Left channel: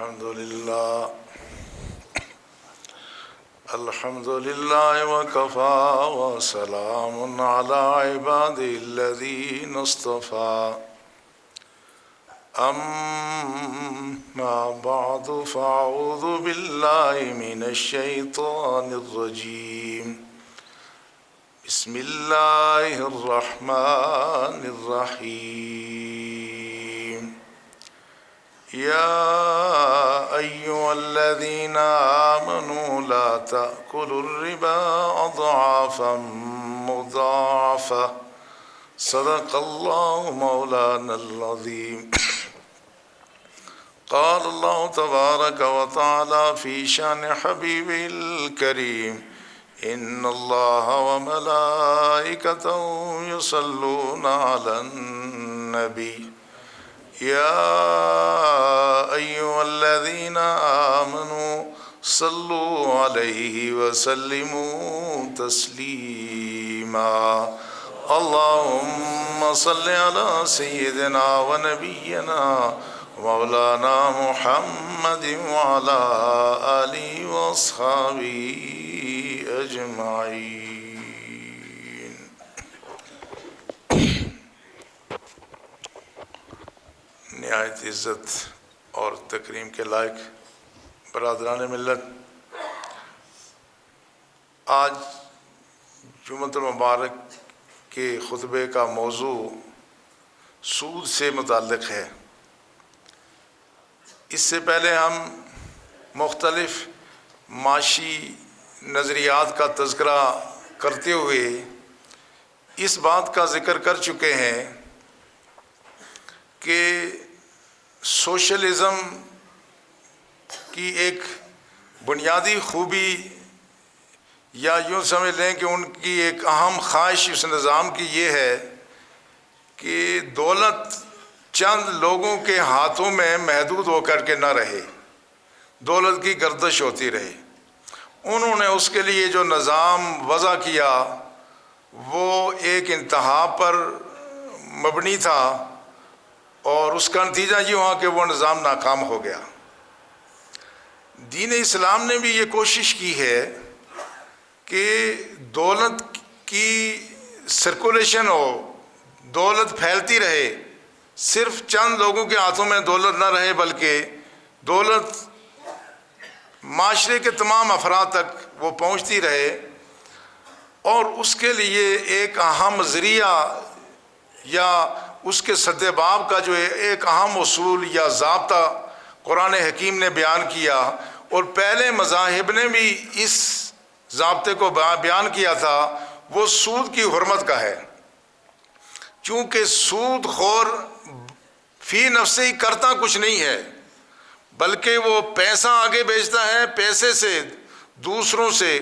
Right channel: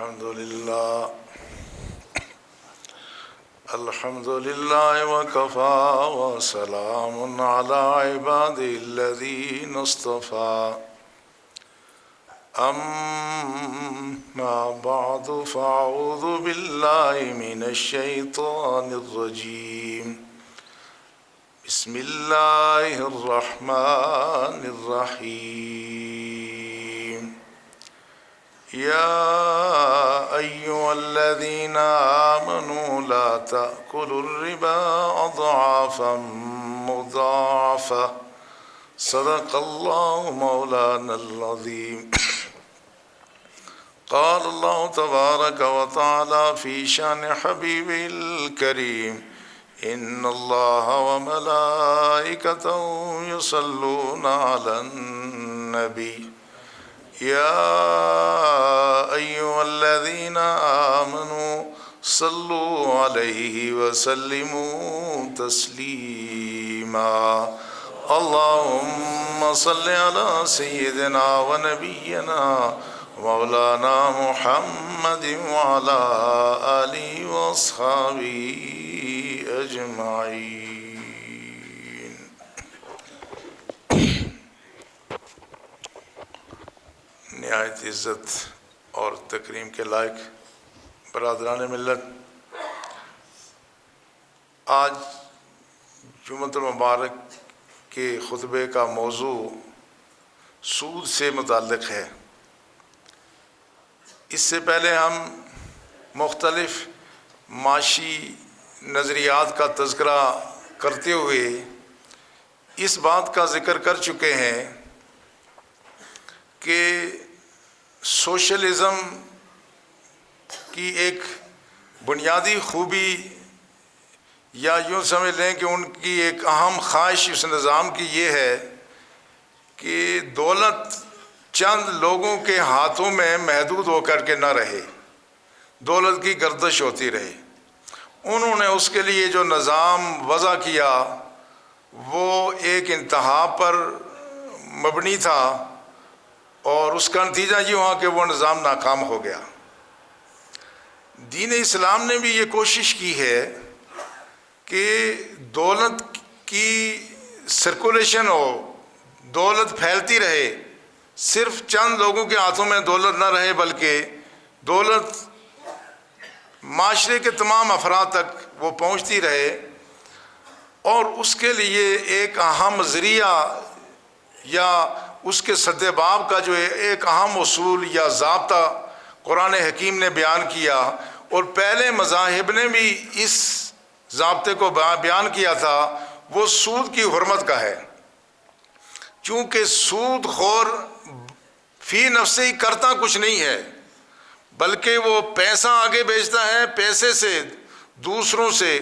الحمد لله وكفى وسلام على عباده الذين اصطفى أما بعد فأعوذ بالله من الشيطان الرجيم بسم الله الرحمن الرحيم يا أيها الذين آمنوا لا تأكلوا الربا أضعافا مضاعفة صدق الله مولانا العظيم. قال الله تبارك وتعالى في شأن حبيبه الكريم إن الله وملائكته يصلون على النبي يا أيها الذين آمنوا صلوا عليه وسلموا تسليما. اللهم صل على سيدنا ونبينا مولانا محمد وعلى آله وأصحابه أجمعين. نہایت عزت اور تکریم کے لائق برادران ملت، آج جمعۃ المبارک کے خطبے کا موضوع سود سے متعلق ہے۔ اس سے پہلے ہم مختلف معاشی نظریات کا تذکرہ کرتے ہوئے اس بات کا ذکر کر چکے ہیں کہ سوشلزم کی ایک بنیادی خوبی، یا یوں سمجھ لیں کہ ان کی ایک اہم خواہش اس نظام کی یہ ہے کہ دولت چند لوگوں کے ہاتھوں میں محدود ہو کر کے نہ رہے، دولت کی گردش ہوتی رہے۔ انہوں نے اس کے لیے جو نظام وضع کیا وہ ایک انتہا پر مبنی تھا، اور اس کا نتیجہ یہ ہوا کہ وہ نظام ناکام ہو گیا۔ دین اسلام نے بھی یہ کوشش کی ہے کہ دولت کی سرکولیشن ہو، دولت پھیلتی رہے، صرف چند لوگوں کے ہاتھوں میں دولت نہ رہے بلکہ دولت معاشرے کے تمام افراد تک وہ پہنچتی رہے۔ اور اس کے لیے ایک اہم ذریعہ یا اس کے سد باب کا جو ایک اہم اصول یا ضابطہ قرآن حکیم نے بیان کیا، اور پہلے مذاہب نے بھی اس ضابطے کو بیان کیا تھا، وہ سود کی حرمت کا ہے۔ چونکہ سود خور فی نفسہ ہی کرتا کچھ نہیں ہے، بلکہ وہ پیسہ آگے بھیجتا ہے، پیسے سے دوسروں سے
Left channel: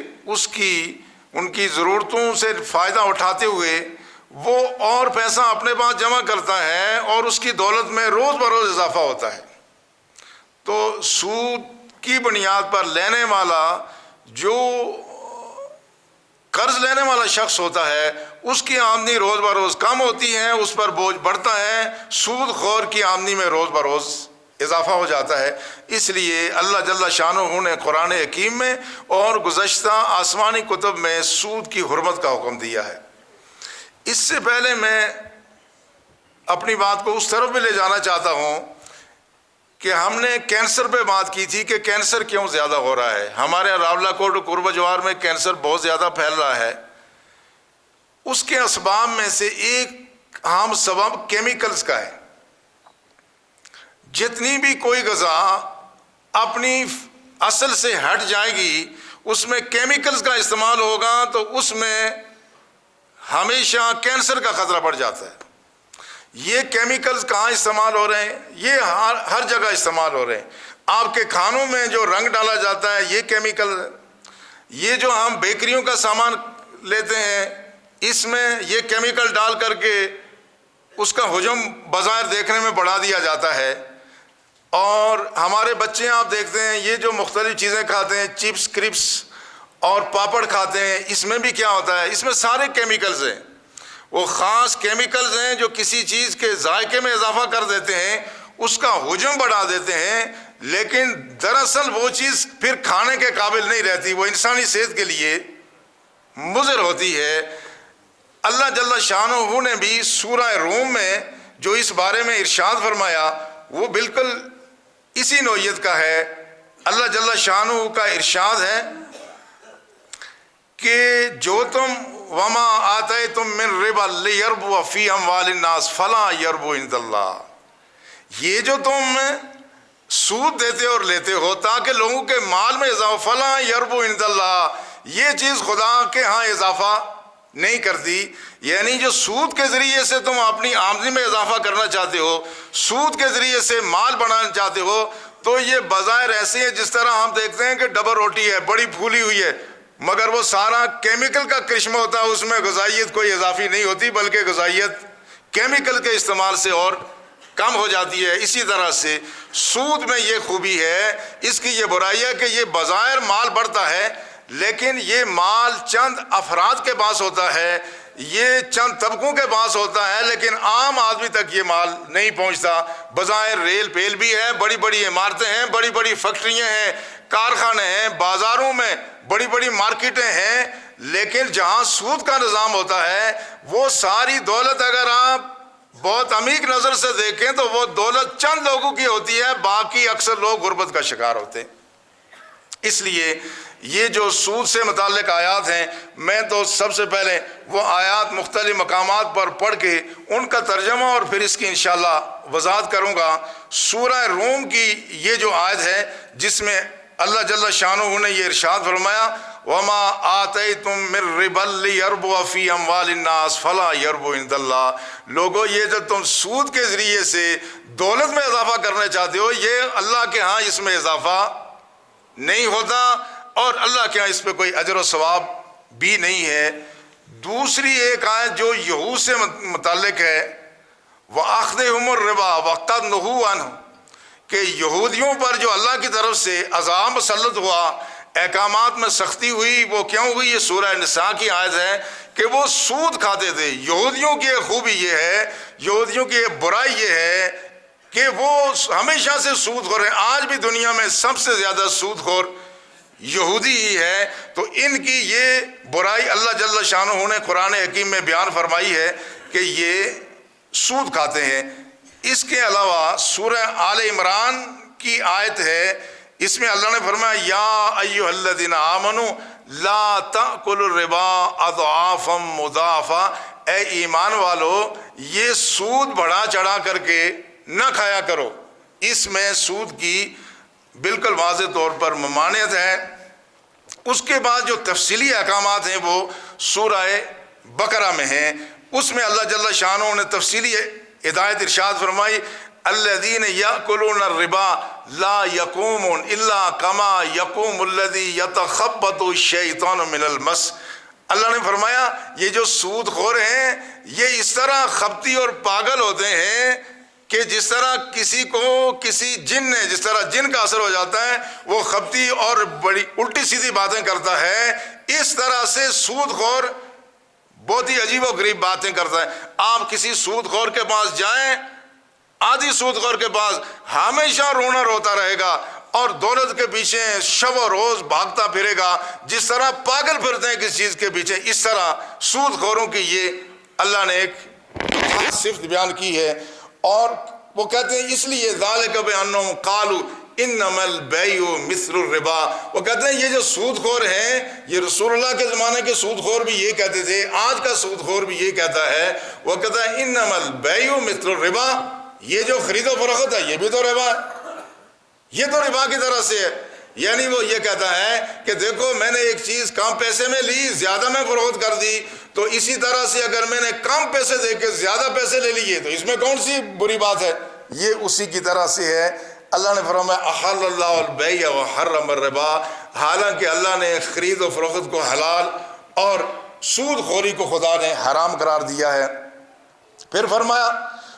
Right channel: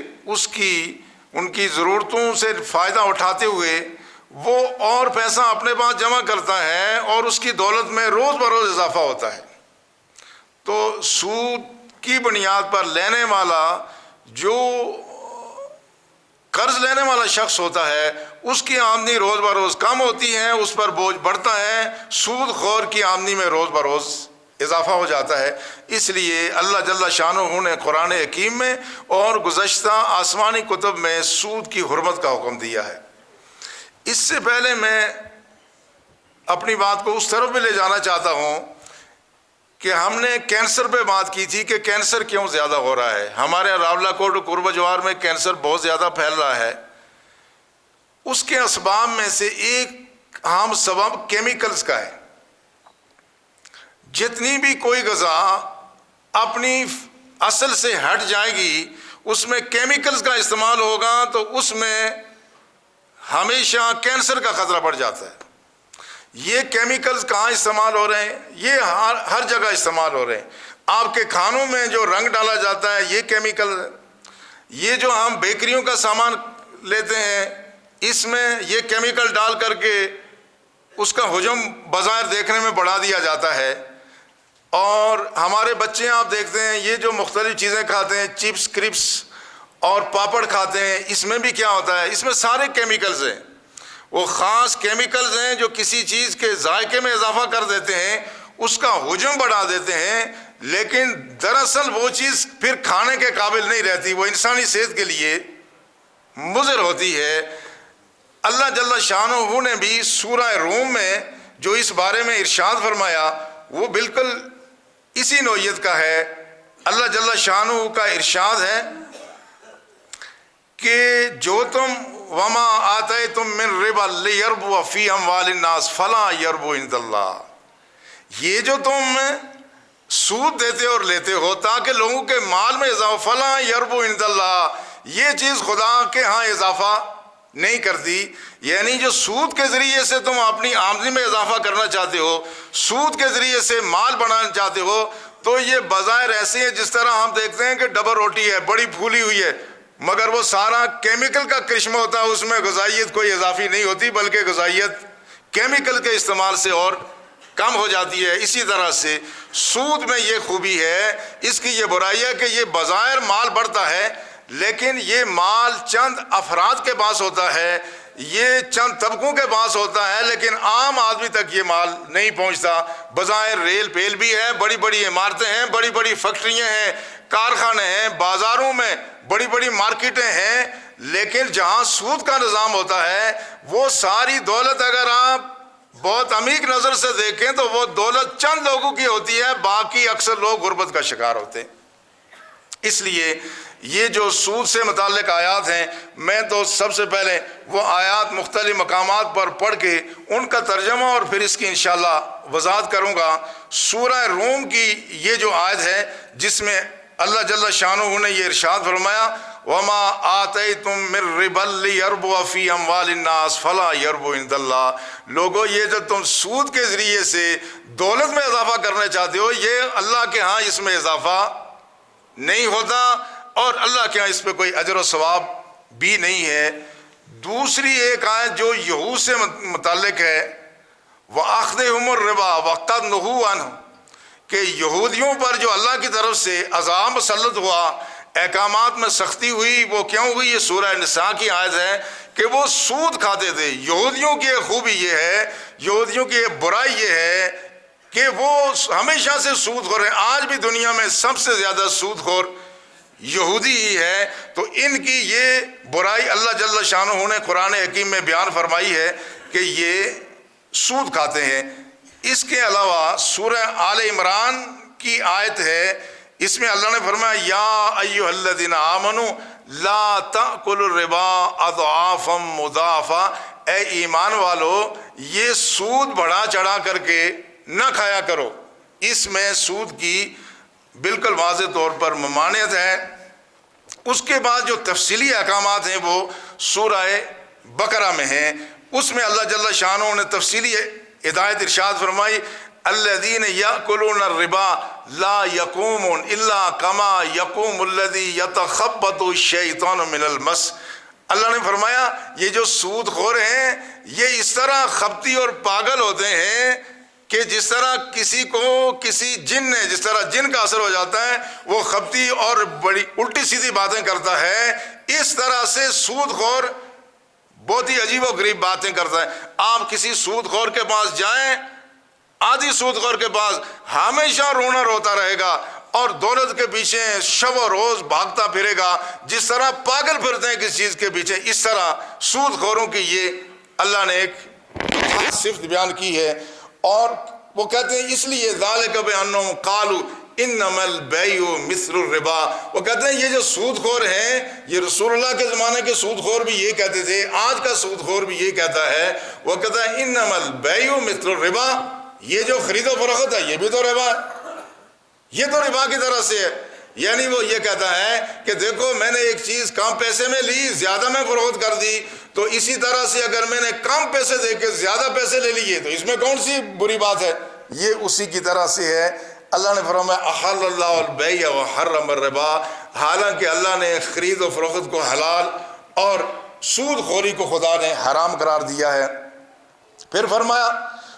ان کی ضرورتوں سے فائدہ اٹھاتے ہوئے وہ اور پیسہ اپنے پاس جمع کرتا ہے، اور اس کی دولت میں روز بروز اضافہ ہوتا ہے۔ تو سود کی بنیاد پر لینے والا، جو قرض لینے والا شخص ہوتا ہے، اس کی آمدنی روز بروز کم ہوتی ہے، اس پر بوجھ بڑھتا ہے، سود خور کی آمدنی میں روز بروز اضافہ ہو جاتا ہے۔ اس لیے اللہ جل شانہ نے قرآن حکیم میں اور گزشتہ آسمانی کتب میں سود کی حرمت کا حکم دیا ہے۔ اس سے پہلے میں اپنی بات کو اس طرف بھی لے جانا چاہتا ہوں کہ ہم نے کینسر پہ بات کی تھی کہ کینسر کیوں زیادہ ہو رہا ہے۔ ہمارے راولہ کوٹ اور قرب جوار میں کینسر بہت زیادہ پھیل رہا ہے۔ اس کے اسباب میں سے ایک اہم سبب کیمیکلز کا ہے۔ جتنی بھی کوئی غذا اپنی اصل سے ہٹ جائے گی، اس میں کیمیکلز کا استعمال ہوگا تو اس میں ہمیشہ کینسر کا خطرہ بڑھ جاتا ہے۔ یہ کیمیکلز کہاں استعمال ہو رہے ہیں؟ یہ ہر جگہ استعمال ہو رہے ہیں۔ آپ کے کھانوں میں جو رنگ ڈالا جاتا ہے یہ کیمیکل، یہ جو ہم بیکریوں کا سامان لیتے ہیں اس میں یہ کیمیکل ڈال کر کے اس کا حجم بظاہر دیکھنے میں بڑھا دیا جاتا ہے۔ اور ہمارے بچے آپ دیکھتے ہیں یہ جو مختلف چیزیں کھاتے ہیں، چپس، کرپس اور پاپڑ کھاتے ہیں، اس میں بھی کیا ہوتا ہے؟ اس میں سارے کیمیکلز ہیں، وہ خاص کیمیکلز ہیں جو کسی چیز کے ذائقے میں اضافہ کر دیتے ہیں، اس کا حجم بڑھا دیتے ہیں، لیکن دراصل وہ چیز پھر کھانے کے قابل نہیں رہتی، وہ انسانی صحت کے لیے مضر ہوتی ہے۔ اللہ جل شانہ نے بھی سورہ روم میں جو اس بارے میں ارشاد فرمایا وہ بالکل اسی نوعیت کا ہے۔ اللہ جل شانہ کا ارشاد ہے کہ جو تم وما آتیتم من ربا لیربو فی اموال الناس فلا یربو عند اللہ، یہ جو تم سود دیتے اور لیتے ہو تاکہ لوگوں کے مال میں اضافہ، فلا یربو عند اللہ، یہ چیز خدا کے ہاں اضافہ نہیں کرتی۔ یعنی جو سود کے ذریعے سے تم اپنی آمدنی میں اضافہ کرنا چاہتے ہو، سود کے ذریعے سے مال بنانا چاہتے ہو، تو یہ بظاہر ایسے ہیں جس طرح ہم دیکھتے ہیں کہ ڈبل روٹی ہے، بڑی پھولی ہوئی ہے، مگر وہ سارا کیمیکل کا کرشمہ ہوتا ہے، اس میں غذائیت کوئی اضافی نہیں ہوتی، بلکہ غذائیت کیمیکل کے استعمال سے اور کم ہو جاتی ہے۔ اسی طرح سے سود میں یہ خوبی ہے، اس کی یہ برائی ہے کہ یہ بظاہر مال بڑھتا ہے، لیکن یہ مال چند افراد کے پاس ہوتا ہے، یہ چند طبقوں کے پاس ہوتا ہے، لیکن عام آدمی تک یہ مال نہیں پہنچتا۔ بظاہر ریل پیل بھی ہے، بڑی بڑی عمارتیں ہیں، بڑی بڑی فیکٹریاں ہیں، کارخانے ہیں، بازاروں میں بڑی بڑی مارکیٹیں ہیں، لیکن جہاں سود کا نظام ہوتا ہے وہ ساری دولت اگر آپ بہت عمیق نظر سے دیکھیں تو وہ دولت چند لوگوں کی ہوتی ہے، باقی اکثر لوگ غربت کا شکار ہوتے ہیں۔ اس لیے یہ جو سود سے متعلق آیات ہیں، میں تو سب سے پہلے وہ آیات مختلف مقامات پر پڑھ کے ان کا ترجمہ اور پھر اس کی انشاءاللہ وضاحت کروں گا۔ سورہ روم کی یہ جو آیت ہے جس میں اللہ جل شانہ نے یہ ارشاد فرمایا وما آتیتم من ربا لیربو فی اموال الناس فلا یربو عند اللہ، لوگو یہ جو تم سود کے ذریعے سے دولت میں اضافہ کرنا چاہتے ہو، یہ اللہ کے ہاں اس میں اضافہ نہیں ہوتا اور اللہ کے ہاں اس پہ کوئی اجر و ثواب بھی نہیں ہے۔ دوسری ایک آیت جو یہود سے متعلق ہے، وَأَخْذِهُمُ الرِّبَا وَقَدْ نُهُوا عَنْهُ، کہ یہودیوں پر جو اللہ کی طرف سے عذاب مسلط ہوا، احکامات میں سختی ہوئی، وہ کیوں ہوئی؟ یہ سورہ نساء کی آیت ہے کہ وہ سود کھاتے تھے۔ یہودیوں کی ایک خوبی یہ ہے، یہودیوں کی ایک برائی یہ ہے کہ وہ ہمیشہ سے سود خور ہیں۔ آج بھی دنیا میں سب سے زیادہ سود خور یہودی ہی ہے۔ تو ان کی یہ برائی اللہ جل شانہ نے قرآن حکیم میں بیان فرمائی ہے کہ یہ سود کھاتے ہیں۔ اس کے علاوہ سورہ آل عمران کی آیت ہے، اس میں اللہ نے فرمایا یا ایھا الذین آمنوا لا تأکلوا الربا اضعافا مضاعفا، اے ایمان والو یہ سود بڑھا چڑھا کر کے نہ کھایا کرو۔ اس میں سود کی بالکل واضح طور پر ممانعت ہے۔ اس کے بعد جو تفصیلی احکامات ہیں وہ سورہ بقرہ میں ہیں، اس میں اللہ جل شانہ نے تفصیلی ہدایت ارشاد فرمائی الذین یأکلون الربا لا یقومون الا کما یقوم الذی یتخبط الشیطان من المس، اللہ نے فرمایا یہ جو سود خور ہیں یہ اس طرح خبطی اور پاگل ہوتے ہیں کہ جس طرح کسی کو کسی جن نے، جس طرح جن کا اثر ہو جاتا ہے وہ خبطی اور بڑی الٹی سیدھی باتیں کرتا ہے، اس طرح سے سود خور بہت ہی عجیب و غریب باتیں کرتا ہے۔ آپ کسی سود خور کے پاس جائیں، آدھی سود خور کے پاس ہمیشہ رونا روتا رہے گا اور دولت کے پیچھے شب و روز بھاگتا پھرے گا، جس طرح پاگل پھرتے ہیں کسی چیز کے پیچھے، اس طرح سود خوروں کی یہ اللہ نے ایک صفت بیان کی ہے۔ اور وہ کہتے ہیں اس لیے ذالک بانہم قالوا انما البیع مثل الربا، وہ کہتے ہیں یہ جو سود خور ہیں، یہ رسول اللہ کے زمانے کے سود خور بھی یہ کہتے تھے، آج کا سود خور بھی یہ کہتا ہے، وہ کہتا ہے انما البیع مثل الربا، یہ جو خرید و فروخت ہے یہ بھی تو ربا ہے، یہ تو ربا کی طرح سے ہے۔ یعنی وہ یہ کہتا ہے کہ دیکھو میں نے ایک چیز کم پیسے میں لی، زیادہ میں فروخت کر دی، تو اسی طرح سے اگر میں نے کم پیسے دے کے زیادہ پیسے لے لیے تو اس میں کون سی بری بات ہے؟ یہ اسی کی طرح سے ہے۔ اللہ نے فرمایا احل اللہ البیع وحرم الربا، حالانکہ اللہ نے خرید و فروخت کو حلال اور سود خوری کو خدا نے حرام قرار دیا ہے۔ پھر فرمایا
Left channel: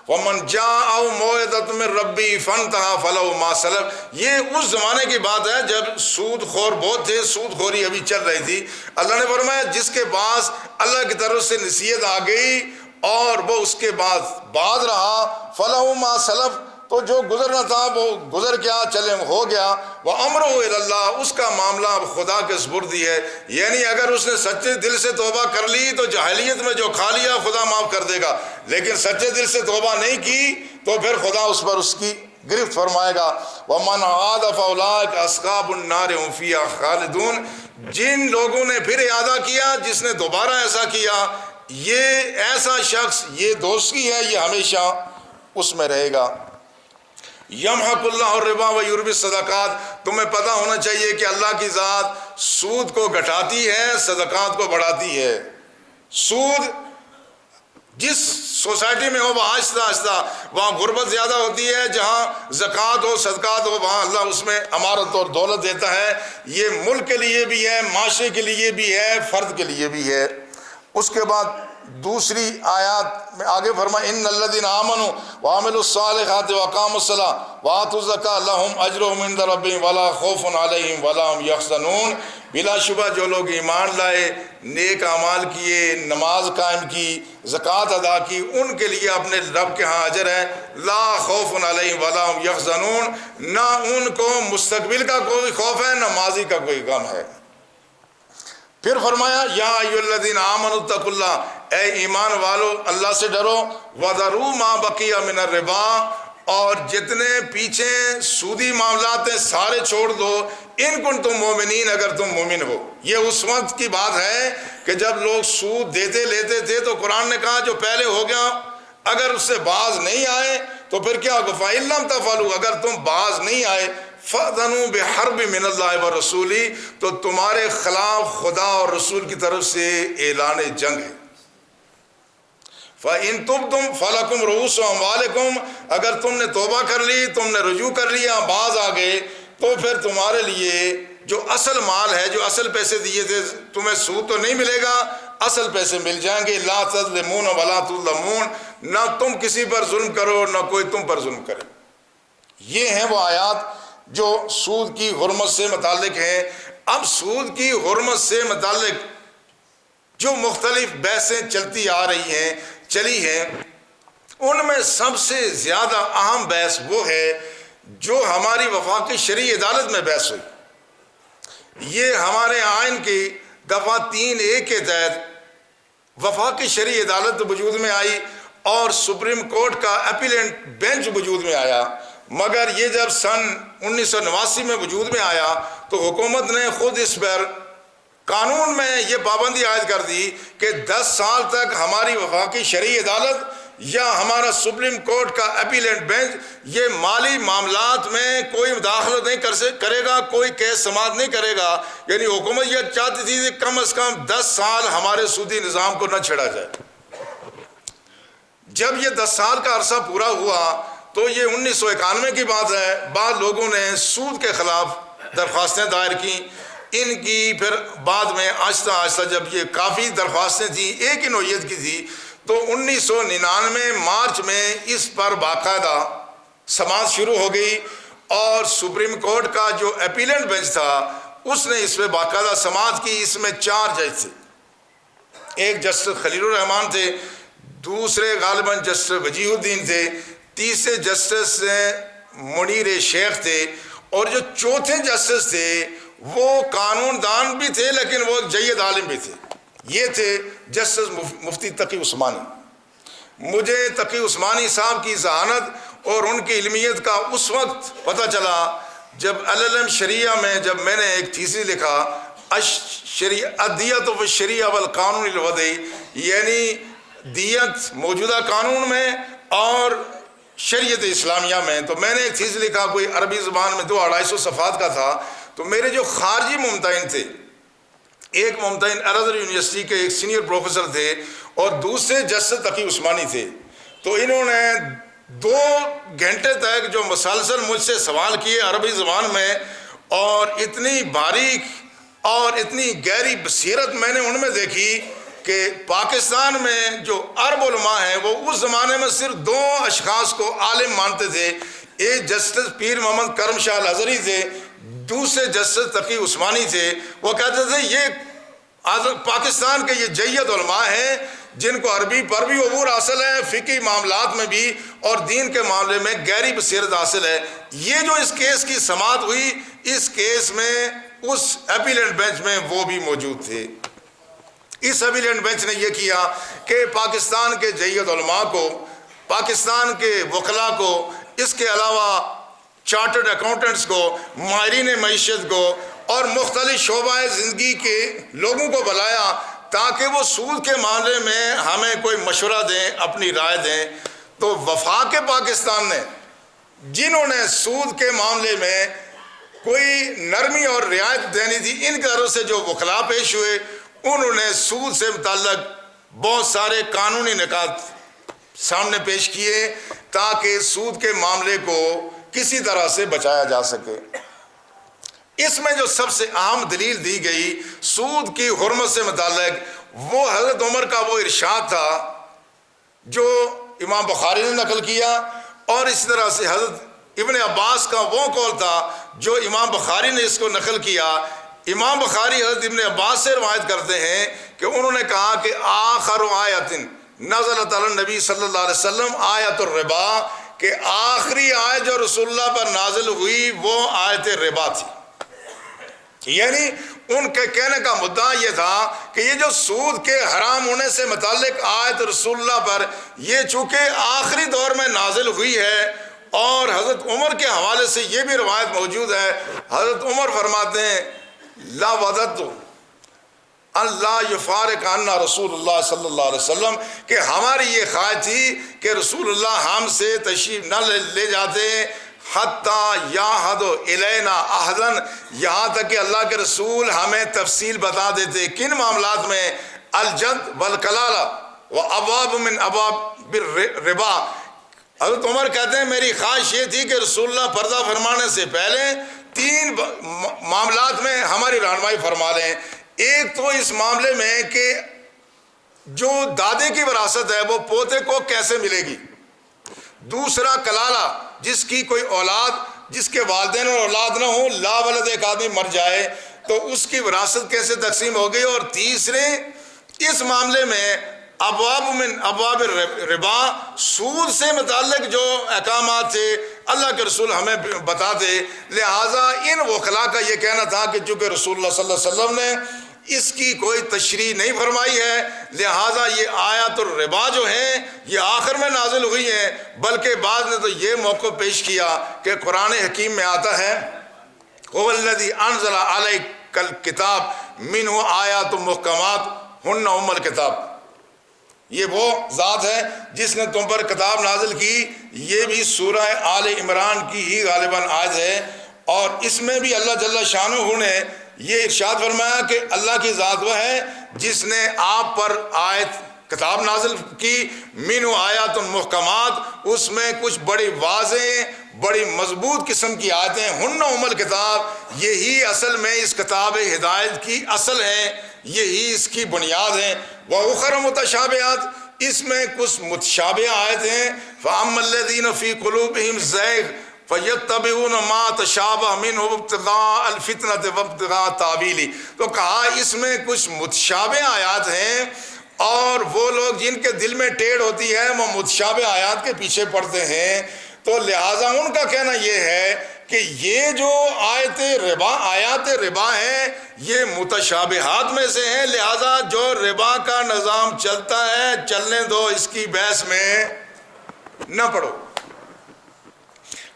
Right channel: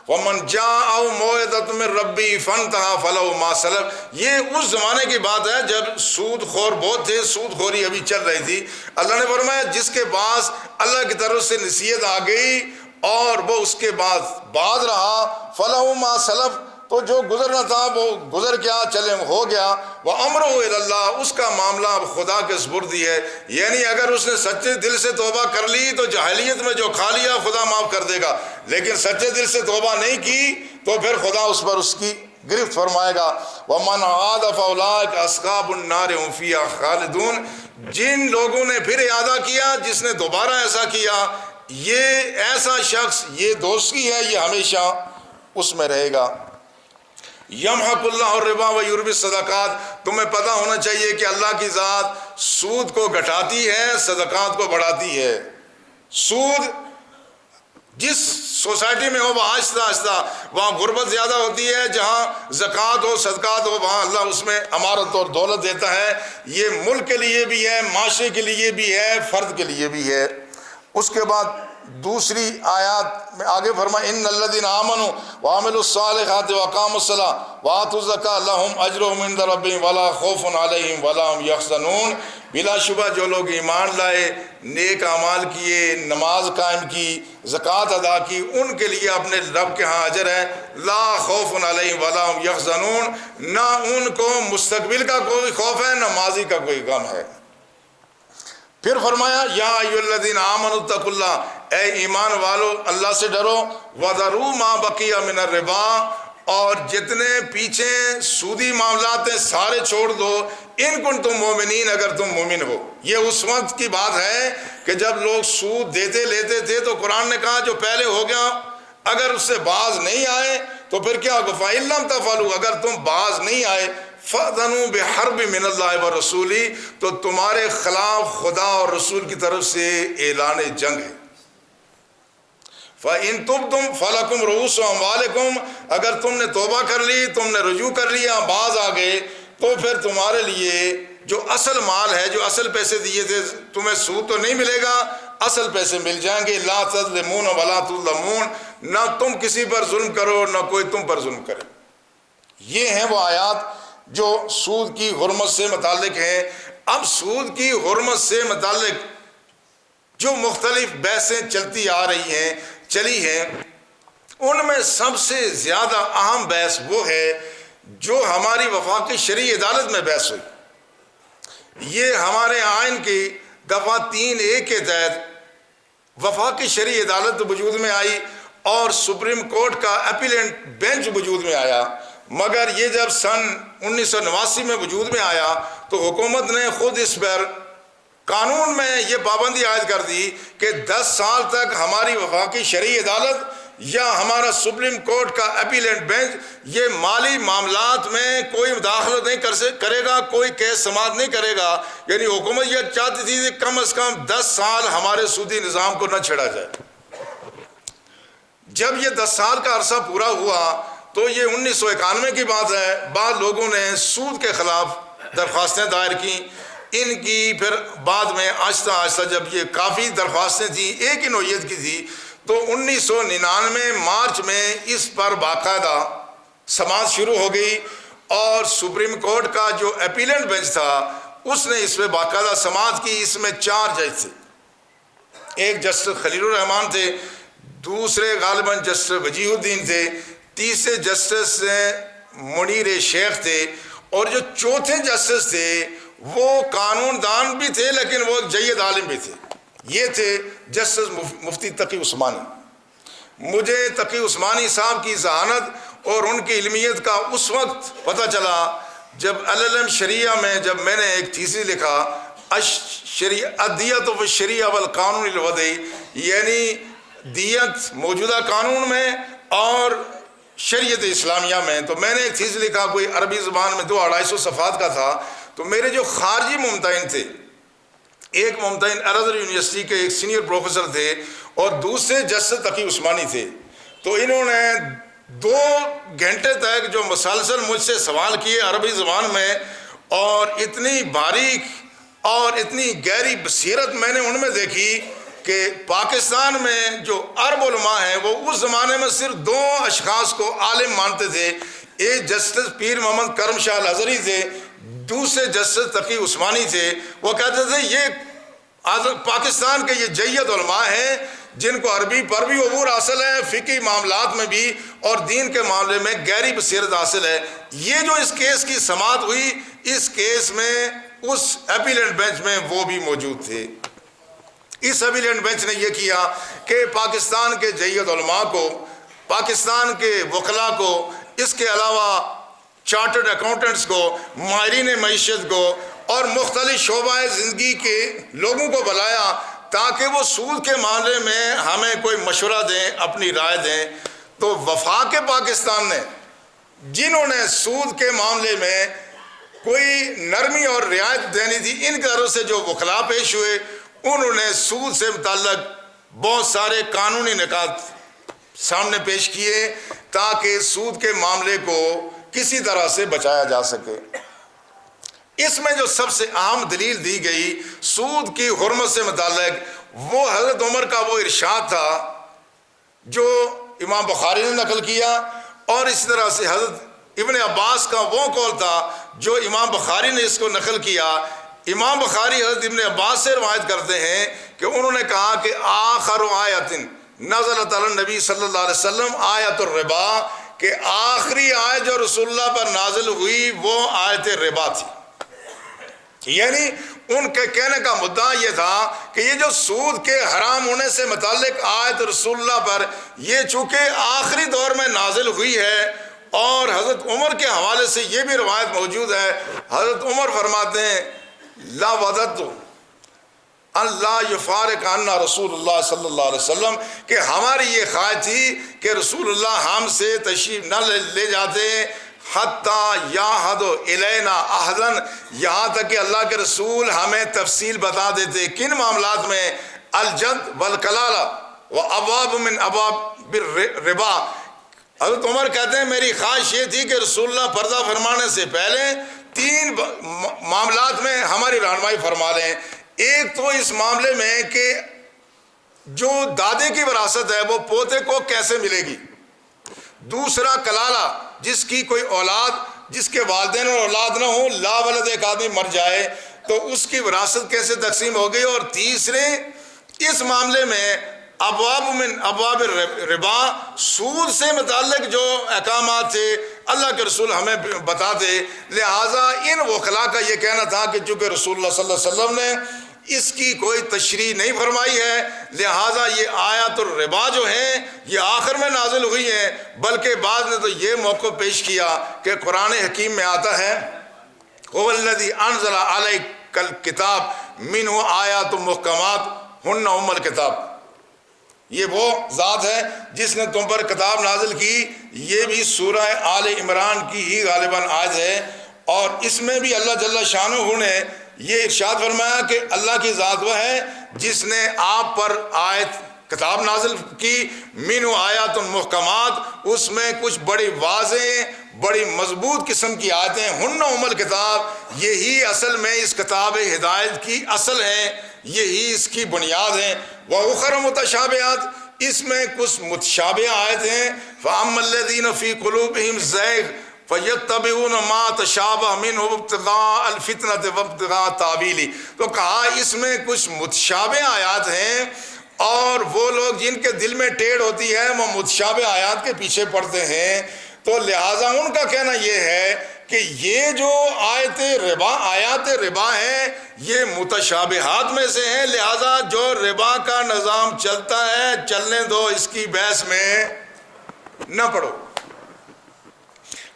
وَمَنْ جَاءَهُ مَوْعِظَةٌ مِّن رَّبِّهِ فَانْتَهَىٰ فَلَهُ مَا سَلَفَ، یہ اس زمانے کی بات ہے جب سود خور بہت تھے، سود خوری ابھی چل رہی تھی۔ اللہ نے فرمایا جس کے پاس اللہ کی طرف سے نصیحت آ گئی اور وہ اس کے بعد رہا، فَلَهُ مَا سَلَفَ، تو جو گزرنا تھا وہ گزر گیا، چلے ہو گیا، وہ امرہ اللہ، اس کا معاملہ اب خدا کے سپردی ہے. یعنی اگر اس نے سچے دل سے توبہ کر لی تو جاہلیت میں جو کھا لیا خدا معاف کر دے گا، لیکن سچے دل سے توبہ نہیں کی تو پھر خدا اس پر اس کی گرفت فرمائے گا. وَمَنْ عَادَ فَأُولَٰئِكَ أَصْحَابُ النَّارِ هُمْ فِيهَا خَالِدُونَ. جن لوگوں نے پھر ارادہ کیا، جس نے دوبارہ ایسا کیا، یہ ایسا شخص، یہ دوستی ہے، یہ ہمیشہ اس میں رہے گا. یمحق اللہ الربا ویربی الصدقات. تمہیں پتہ ہونا چاہیے کہ اللہ کی ذات سود کو گھٹاتی ہے، صدقات کو بڑھاتی ہے. سود جس سوسائٹی میں ہو وہاں آہستہ آہستہ وہاں غربت زیادہ ہوتی ہے، جہاں زکوٰۃ ہو صدقات ہو وہاں اللہ اس میں امارت اور دولت دیتا ہے. یہ ملک کے لیے بھی ہے، معاشرے کے لیے بھی ہے، فرد کے لیے بھی ہے. اس کے بعد دوسری آیات میں آگے فرمایا ان الذین آمنوا وعملوا الصالحات واقاموا الصلاۃ وآتوا الزکاۃ لهم اجرهم عند ربهم ولا خوف علیہم ولا هم یحزنون. بلا شبہ جو لوگ ایمان لائے، نیک اعمال کیے، نماز قائم کی، زکوٰۃ ادا کی، ان کے لیے اپنے رب کے ہاں اجر ہے. لا خوف علیہم ولا هم یحزنون. نہ ان کو مستقبل کا کوئی خوف ہے، نہ ماضی کا کوئی غم ہے. پھر فرمایا یا ایھا الذین آمنوا اتقوا اللہ، اے ایمان والو اللہ سے ڈرو. وذروا ما بقی من الربا، اور جتنے پیچھے سودی معاملات ہیں سارے چھوڑ دو. ان کنتم مومنین، اگر تم مومن ہو. یہ اس وقت کی بات ہے کہ جب لوگ سود دیتے لیتے تھے تو قرآن نے کہا جو پہلے ہو گیا اگر اس سے باز نہیں آئے تو پھر کیا ہوگا؟ فَإِن لَمْ تَفْعَلُوا، اگر تم باز نہیں آئے فَأْذَنُوا بِحَرْبٍ مِّنَ اللَّهِ وَرَسُولِهِ، تو تمہارے خلاف خدا اور رسول کی طرف سے اعلان جنگ ہے. فَإِن تُبْتُمْ فَلَكُمْ رُءُوسُ أَمْوَالِكُمْ، اگر تم نے توبہ کر لی، تم نے رجوع کر لیا، باز آ گئے، تو پھر تمہارے لیے جو اصل مال ہے، جو اصل پیسے دیے تھے، تمہیں سود تو نہیں ملے گا، اصل پیسے مل جائیں گے. لا تظلمون ولا تظلمون، نہ تم کسی پر ظلم کرو نہ کوئی تم پر ظلم کرے. یہ ہیں وہ آیات جو سود کی حرمت سے متعلق ہیں. اب سود کی حرمت سے متعلق جو مختلف بحثیں چلتی آ رہی ہیں، چلی ہیں، ان میں سب سے زیادہ اہم بحث وہ ہے جو ہماری وفاقی شرعی عدالت میں بحث ہوئی. یہ ہمارے آئین کی دفعہ 3(1) کے تحت وفاقی شرعی عدالت وجود میں آئی اور سپریم کورٹ کا اپیلنٹ بینچ وجود میں آیا. مگر یہ جب سن 1989 میں وجود میں آیا تو حکومت نے خود اس پر قانون میں یہ پابندی عائد کر دی کہ 10 سال تک ہماری وفاقی شرعی عدالت یا ہمارا سپریم کورٹ کا اپیلنٹ بینچ یہ مالی معاملات میں کوئی مداخلت نہیں کرے گا، کوئی کیس سماعت نہیں کرے گا. یعنی حکومت یہ چاہتی تھی کہ کم از کم 10 سال ہمارے سودی نظام کو نہ چھیڑا جائے. جب یہ 10 سال کا عرصہ پورا ہوا تو یہ 1991 کی بات ہے. بعض لوگوں نے سود کے خلاف درخواستیں دائر کی. ان کی پھر بعد میں آہستہ آہستہ جب یہ کافی درخواستیں تھیں، ایک ہی نوعیت کی تھی، تو 1999 مارچ میں اس پر باقاعدہ سماعت شروع ہو گئی اور سپریم کورٹ کا جو اپیلنٹ بینچ تھا اس نے اس پہ باقاعدہ سماعت کی. اس میں 4 جج تھے. ایک جسٹس خلیل الرحمان تھے، دوسرے غالباً جسٹس وجیہ الدین تھے، تیسرے جسٹس منیر شیخ تھے، اور جو چوتھے جسٹس تھے وہ قانون دان بھی تھے لیکن وہ جید عالم بھی تھے. یہ تھے جسٹس مفتی تقی عثمانی. مجھے تقی عثمانی صاحب کی ذہانت اور ان کی علمیت کا اس وقت پتہ چلا جب LLM شریعہ میں جب میں نے ایک تھیسی لکھا الدیت و الشریعہ والقانون الوضعی، یعنی دیت موجودہ قانون میں اور شریعت اسلامیہ میں. تو میں نے ایک تھیسی لکھا، کوئی عربی زبان میں 200-250 صفحات کا تھا. تو میرے جو خارجی ممتحن تھے، ایک ممتحن الازہر یونیورسٹی کے ایک سینئر پروفیسر تھے اور دوسرے جسٹس تقی عثمانی تھے. تو انہوں نے 2 گھنٹے تک جو مسلسل مجھ سے سوال کیے عربی زبان میں، اور اتنی باریک اور اتنی گہری بصیرت میں نے ان میں دیکھی کہ پاکستان میں جو عرب علماء ہیں وہ اس زمانے میں صرف 2 اشخاص کو عالم مانتے تھے. ایک جسٹس پیر محمد کرم شاہ الازہری تھے، دوسرے جسٹس تقی عثمانی تھے. وہ کہتے تھے یہ پاکستان کے یہ جید علماء ہیں جن کو عربی پر بھی عبور حاصل ہے، فقہی معاملات میں بھی اور دین کے معاملے میں گہری بصیرت حاصل ہے۔ یہ جو اس کیس کی سماعت ہوئی، اس کیس میں اس اپیلنٹ بینچ میں وہ بھی موجود تھے۔ اس اپیلنٹ بینچ نے یہ کیا کہ پاکستان کے جید علماء کو، پاکستان کے وکلاء کو، اس کے علاوہ چارٹرڈ اکاؤنٹنٹس کو، ماہرین معیشت کو اور مختلف شعبہ زندگی کے لوگوں کو بلایا تاکہ وہ سود کے معاملے میں ہمیں کوئی مشورہ دیں، اپنی رائے دیں۔ تو وفاق پاکستان نے، جنہوں نے سود کے معاملے میں کوئی نرمی اور رعایت دینی تھی، ان کی طرف سے جو وکلاء پیش ہوئے، انہوں نے سود سے متعلق بہت سارے قانونی نکات سامنے پیش کیے تاکہ سود کے معاملے کو کسی طرح سے بچایا جا سکے۔ اس میں جو سب سے اہم دلیل دی گئی سود کی حرمت سے متعلق، وہ حضرت عمر کا وہ ارشاد تھا جو امام بخاری نے نقل کیا، اور اس طرح سے حضرت ابن عباس کا وہ قول تھا جو امام بخاری نے اس کو نقل کیا۔ امام بخاری حضرت ابن عباس سے روایت کرتے ہیں کہ انہوں نے کہا کہ آخر آیت نزلت علی النبی صلی اللہ علیہ وسلم آیت الربا، کہ آخری آیت جو رسول اللہ پر نازل ہوئی وہ آیت ربا تھی۔ یعنی ان کے کہنے کا مدعا یہ تھا کہ یہ جو سود کے حرام ہونے سے متعلق آیت رسول اللہ پر، یہ چونکہ آخری دور میں نازل ہوئی ہے، اور حضرت عمر کے حوالے سے یہ بھی روایت موجود ہے، حضرت عمر فرماتے ہیں لا وددت اللہ یفارق عنا رسول اللہ صلی اللہ علیہ وسلم، کہ ہماری یہ خواہش تھی کہ رسول اللہ ہم سے تشریف نہ لے جاتے حتیٰ یعہد الینا عہداً، یہاں تک کہ اللہ کے رسول ہمیں تفصیل بتا دیتے کن معاملات میں، الجد والکلالہ و ابواب من ابواب الربا۔ حضرت عمر کہتے ہیں میری خواہش یہ تھی کہ رسول اللہ پردہ فرمانے سے پہلے 3 معاملات میں ہماری رہنمائی فرما لیں۔ ایک تو اس معاملے میں کہ جو دادے کی وراثت ہے وہ پوتے کو کیسے ملے گی، دوسرا کلالہ، جس کی کوئی اولاد، جس کے والدین اور اولاد نہ ہو، لا ولد، ایک آدمی مر جائے تو اس کی وراثت کیسے تقسیم ہوگی، اور تیسرے اس معاملے میں ابواب من ابواب الربا، سود سے متعلق جو احکامات تھے اللہ کے رسول ہمیں بتاتے۔ لہٰذا ان وکلاء کا یہ کہنا تھا کہ چونکہ رسول اللہ صلی اللہ علیہ وسلم نے اس کی کوئی تشریح نہیں فرمائی ہے، لہٰذا یہ آیات الربا جو ہیں یہ آخر میں نازل ہوئی ہیں۔ بلکہ بعض نے تو یہ موقع پیش کیا کہ قرآن حکیم میں آتا ہے هو الذی انزل علیک الکتاب منہ آیات محکمات ہن ام الکتاب، یہ وہ ذات ہے جس نے تم پر کتاب نازل کی۔ یہ بھی سورہ آل عمران کی ہی غالباً آیت ہے، اور اس میں بھی اللہ جل شانہ نے یہ ارشاد فرمایا کہ اللہ کی ذات وہ ہے جس نے آپ پر آیت کتاب نازل کی، منہ آیات محکمات، اس میں کچھ بڑی واضح بڑی مضبوط قسم کی آیتیں، ہن ام الکتاب، یہی اصل میں اس کتاب ہدایت کی اصل ہیں، یہی اس کی بنیاد ہیں۔ وَأُخَرَ مُتَشَابِهَاتٍ، اس میں کچھ متشابہ آیت ہیں، فَأَمَّا الَّذِينَ فِي قُلُوبِهِمْ زَيْغٌ فَيَتَّبِعُونَ مَا تَشَابَهَ مِنْهُ ابْتِغَاءَ الْفِتْنَةِ وَابْتِغَاءَ تَأْوِيلِهِ، تو کہا اس میں کچھ متشابہ آیات ہیں، اور وہ لوگ جن کے دل میں ٹیڑھ ہوتی ہے وہ متشابہ آیات کے پیچھے پڑتے ہیں۔ تو لہٰذا ان کا کہنا یہ ہے کہ یہ جو آیات ربا ہیں یہ متشابہات میں سے ہیں، لہٰذا جو ربا کا نظام چلتا ہے چلنے دو، اس کی بحث میں نہ پڑو۔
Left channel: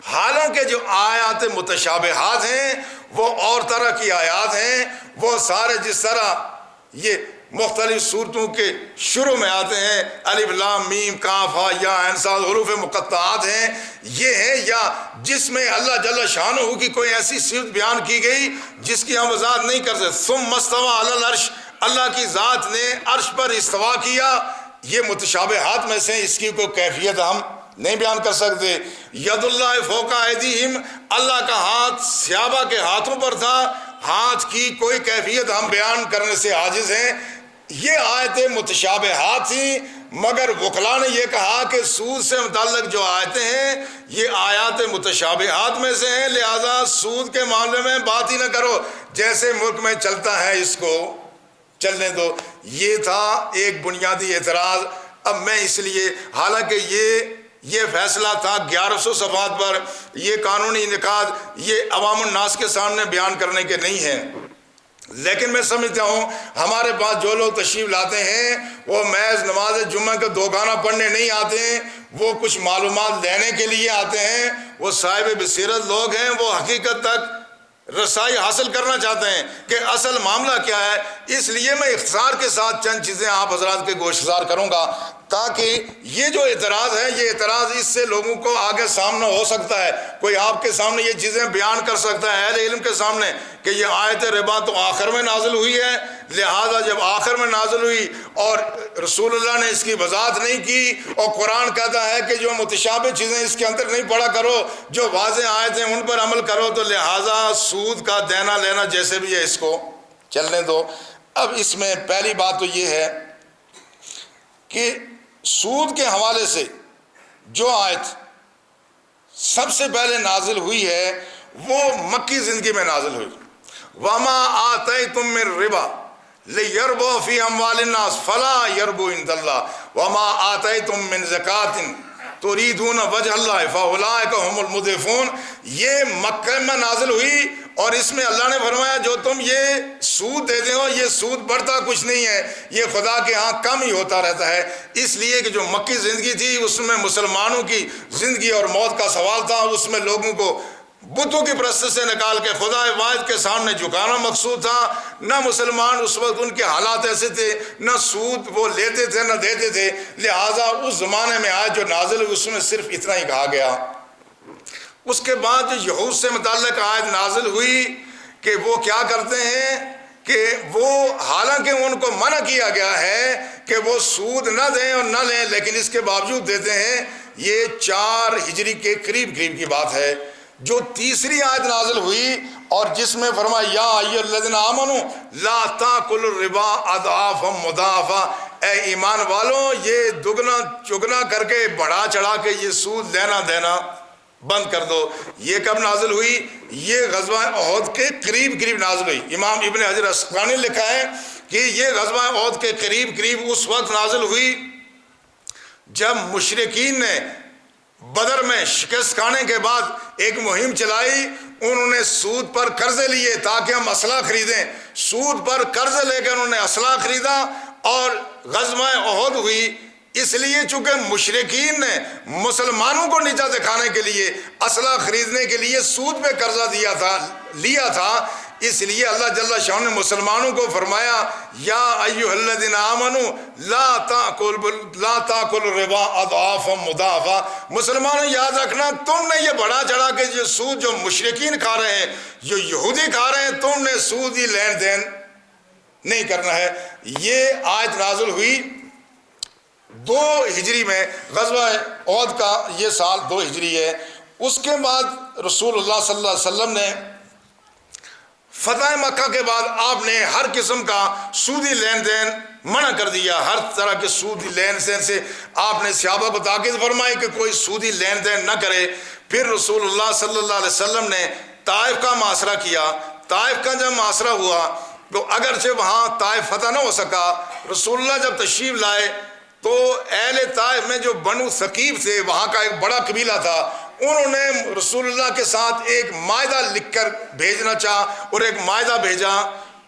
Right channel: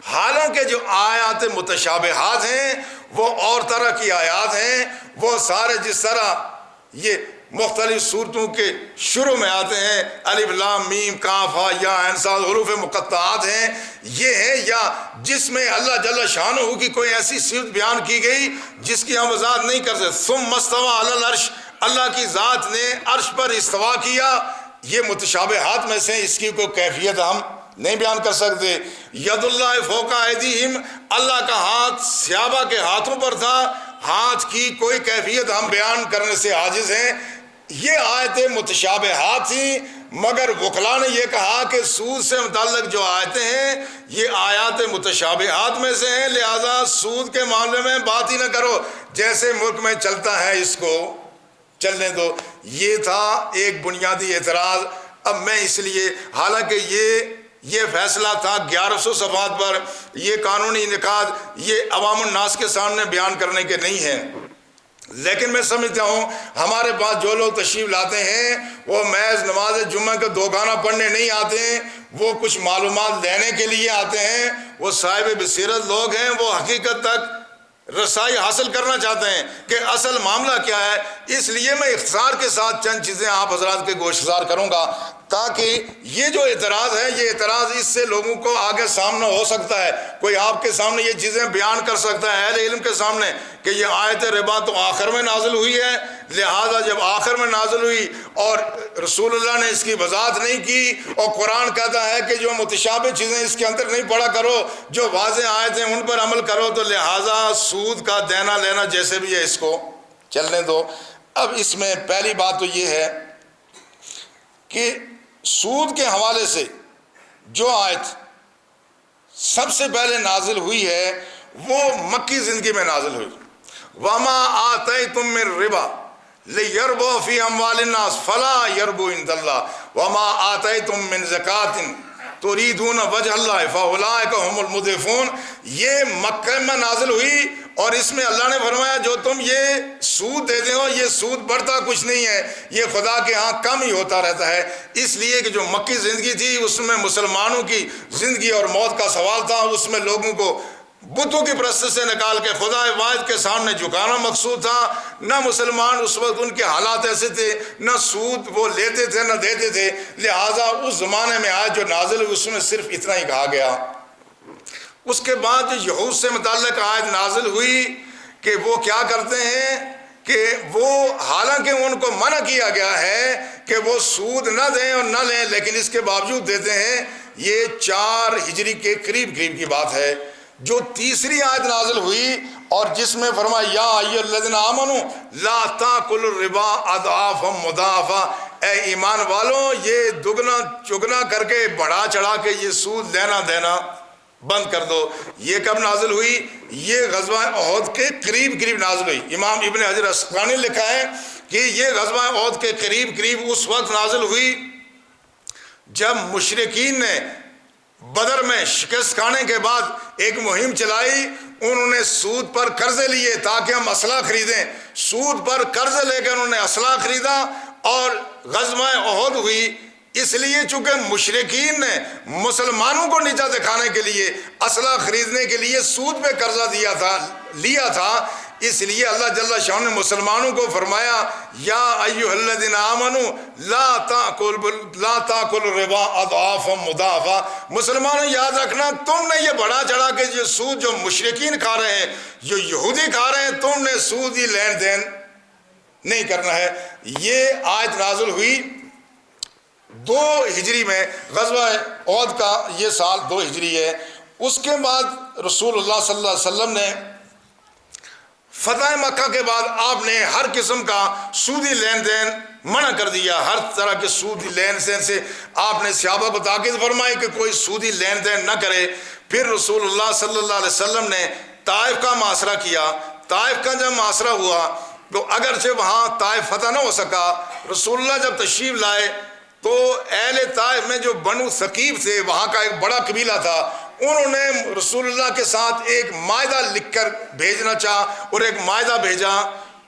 حالانکہ جو آیات متشابہات ہیں وہ اور طرح کی آیات ہیں، وہ سارے جس طرح یہ مختلف صورتوں کے شروع میں آتے ہیں، الف لام میم کاف ہا یا عین صاد، حروف مقطعات ہیں، یہ ہیں، یا جس میں اللہ جل شانہ کی کوئی ایسی صفت بیان کی گئی جس کی ہم وضاحت نہیں کر سکتے۔ ثم استوى علی العرش، اللہ کی ذات نے عرش پر استوا کیا، یہ متشابہات میں سے، اس کی کوئی کیفیت ہم نہیں بیان کر سکتے۔ ید اللہ فوق ایدیہم، اللہ کا ہاتھ صحابہ کے ہاتھوں پر تھا، ہاتھ کی کوئی کیفیت ہم بیان کرنے سے عاجز ہیں۔ یہ آیتیں متشابہات تھیں، مگر وکلاء نے یہ کہا کہ سود سے متعلق جو آیتیں ہیں یہ آیات متشابہات میں سے ہیں، لہذا سود کے معاملے میں بات ہی نہ کرو، جیسے ملک میں چلتا ہے اس کو چلنے دو۔ یہ تھا ایک بنیادی اعتراض۔ اب میں اس لیے، حالانکہ یہ فیصلہ تھا 1100 صفحات پر، یہ قانونی انعقاد یہ عوام الناس کے سامنے بیان کرنے کے نہیں ہیں، لیکن میں سمجھتا ہوں ہمارے پاس جو لوگ تشریف لاتے ہیں وہ محض نماز جمعہ کا دو گانا پڑھنے نہیں آتے ہیں، وہ کچھ معلومات لینے کے لیے آتے ہیں، وہ صاحب بصیرت لوگ ہیں، وہ حقیقت تک رسائی حاصل کرنا چاہتے ہیں کہ اصل معاملہ کیا ہے۔ اس لیے میں اختصار کے ساتھ چند چیزیں آپ حضرات کے گوشگزار کروں گا، تاکہ یہ جو اعتراض ہے، یہ اعتراض اس سے لوگوں کو آگے سامنا ہو سکتا ہے، کوئی آپ کے سامنے یہ چیزیں بیان کر سکتا ہے اہل علم کے سامنے کہ یہ آیت ربا تو آخر میں نازل ہوئی ہے، لہذا جب آخر میں نازل ہوئی اور رسول اللہ نے اس کی وضاحت نہیں کی، اور قرآن کہتا ہے کہ جو متشابہ چیزیں اس کے اندر نہیں پڑھا کرو، جو واضح آیتیں ان پر عمل کرو، تو لہذا سود کا دینا لینا جیسے بھی ہے اس کو چلنے دو۔ اب اس میں پہلی بات تو یہ ہے کہ سود کے حوالے سے جو آیت سب سے پہلے نازل ہوئی ہے وہ مکی زندگی میں نازل ہوئی، وَمَا آتَيْتُم مِّن رِّبًا لِيَرْبُوَ فِي أَمْوَالِ النَّاسِ فَلَا يَرْبُو عِندَ اللَّهِ وَمَا آتَيْتُم مِّن زَكَاةٍ تُرِيدُونَ وَجْهَ اللَّهِ فَأُولَٰئِكَ هُمُ الْمُضْعِفُونَ۔ یہ مکہ میں نازل ہوئی اور اس میں اللہ نے فرمایا جو تم یہ سود دیتے ہو یہ سود بڑھتا کچھ نہیں ہے، یہ خدا کے ہاں کم ہی ہوتا رہتا ہے، اس لیے کہ جو مکی زندگی تھی اس میں مسلمانوں کی زندگی اور موت کا سوال تھا، اس میں لوگوں کو بتوں کی پرست سے نکال کے خدا واحد کے سامنے جھکانا مقصود تھا۔ نہ مسلمان اس وقت ان کے حالات ایسے تھے، نہ سود وہ لیتے تھے نہ دیتے تھے، لہٰذا اس زمانے میں آج جو نازل ہوئی اس میں صرف اتنا ہی کہا گیا۔ اس کے بعد یہود سے متعلق آیت نازل ہوئی کہ وہ کیا کرتے ہیں کہ وہ حالانکہ ان کو منع کیا گیا ہے کہ وہ سود نہ دیں اور نہ لیں، لیکن اس کے باوجود دیتے ہیں۔ یہ 4 ہجری کے قریب کی بات ہے۔ جو تیسری آیت نازل ہوئی اور جس میں فرمایا یا ایھا الذین آمنوا لا تاکلوا الربا اضعافا مضاعفا، اے ایمان والو یہ دگنا چگنا کر کے بڑھا چڑھا کے یہ سود لینا دینا بند کر دو۔ یہ کب نازل ہوئی؟ یہ غزوہ احد کے قریب نازل ہوئی۔ امام ابن حجر اسقلانی نے لکھا ہے کہ یہ غزوہ احد کے قریب اس وقت نازل ہوئی جب مشرکین نے بدر میں شکست کھانے کے بعد ایک مہم چلائی، انہوں نے سود پر قرضے لیے تاکہ ہم اسلحہ خریدیں، سود پر قرضے لے کر انہوں نے اسلحہ خریدا اور غزوہ احد ہوئی۔ اس لیے چونکہ مشرکین نے مسلمانوں کو نیچا دکھانے کے لیے اسلحہ خریدنے کے لیے سود پہ قرضہ لیا تھا، اس لیے اللہ جل شانہ نے مسلمانوں کو فرمایا یا ایھا الذین آمنوا لا تاکلوا الربا اضعافا مضاعفا۔ مسلمانوں یاد رکھنا تم نے یہ بڑھا چڑھا کے یہ سود جو مشرکین کھا رہے ہیں، جو یہودی کھا رہے ہیں، تم نے سود ہی لین دین نہیں کرنا ہے۔ یہ آیت نازل ہوئی 2 ہجری میں، غزوہ احد کا یہ سال 2 ہجری ہے۔ اس کے بعد رسول اللہ صلی اللہ علیہ وسلم نے فتح مکہ کے بعد آپ نے ہر قسم کا سودی لین دین منع کر دیا، ہر طرح کے سودی لین دین سے آپ نے صحابہ کو تاکید فرمائی کہ کوئی سودی لین دین نہ کرے۔ پھر رسول اللہ صلی اللہ علیہ وسلم نے طائف کا محاصرہ کیا۔ طائف کا جب محاصرہ ہوا تو اگرچہ وہاں طائف فتح نہ ہو سکا، رسول اللہ جب تشریف لائے تو اہل طائف میں جو بنو ثقیف تھے، وہاں کا ایک بڑا قبیلہ تھا، انہوں نے رسول اللہ کے ساتھ ایک معاہدہ لکھ کر بھیجنا چاہا اور ایک معاہدہ بھیجا۔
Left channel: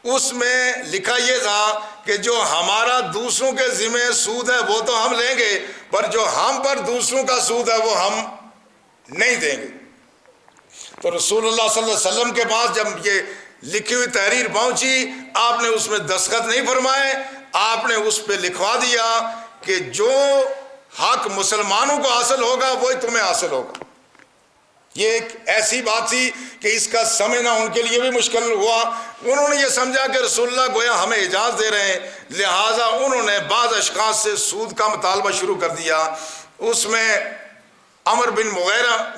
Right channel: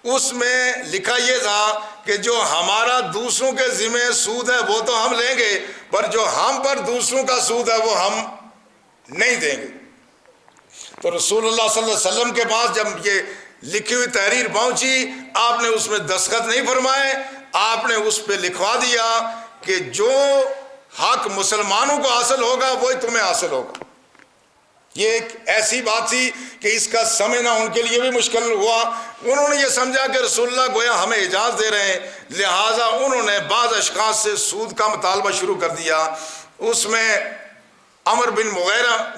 اس میں لکھا یہ تھا کہ جو ہمارا دوسروں کے ذمہ سود ہے وہ تو ہم لیں گے، پر جو ہم پر دوسروں کا سود ہے وہ ہم نہیں دیں گے۔ تو رسول اللہ صلی اللہ علیہ وسلم کے پاس جب یہ لکھی ہوئی تحریر پہنچی، آپ نے اس میں دستخط نہیں فرمائے، آپ نے اس پہ لکھوا دیا کہ جو حق مسلمانوں کو حاصل ہوگا وہی تمہیں حاصل ہوگا۔ یہ ایک ایسی بات تھی کہ اس کا سمجھنا ان کے لیے بھی مشکل ہوا۔ انہوں نے یہ سمجھا کہ رسول اللہ گویا ہمیں اجازت دے رہے ہیں، لہٰذا انہوں نے بعض اشخاص سے سود کا مطالبہ شروع کر دیا۔ اس میں عمر بن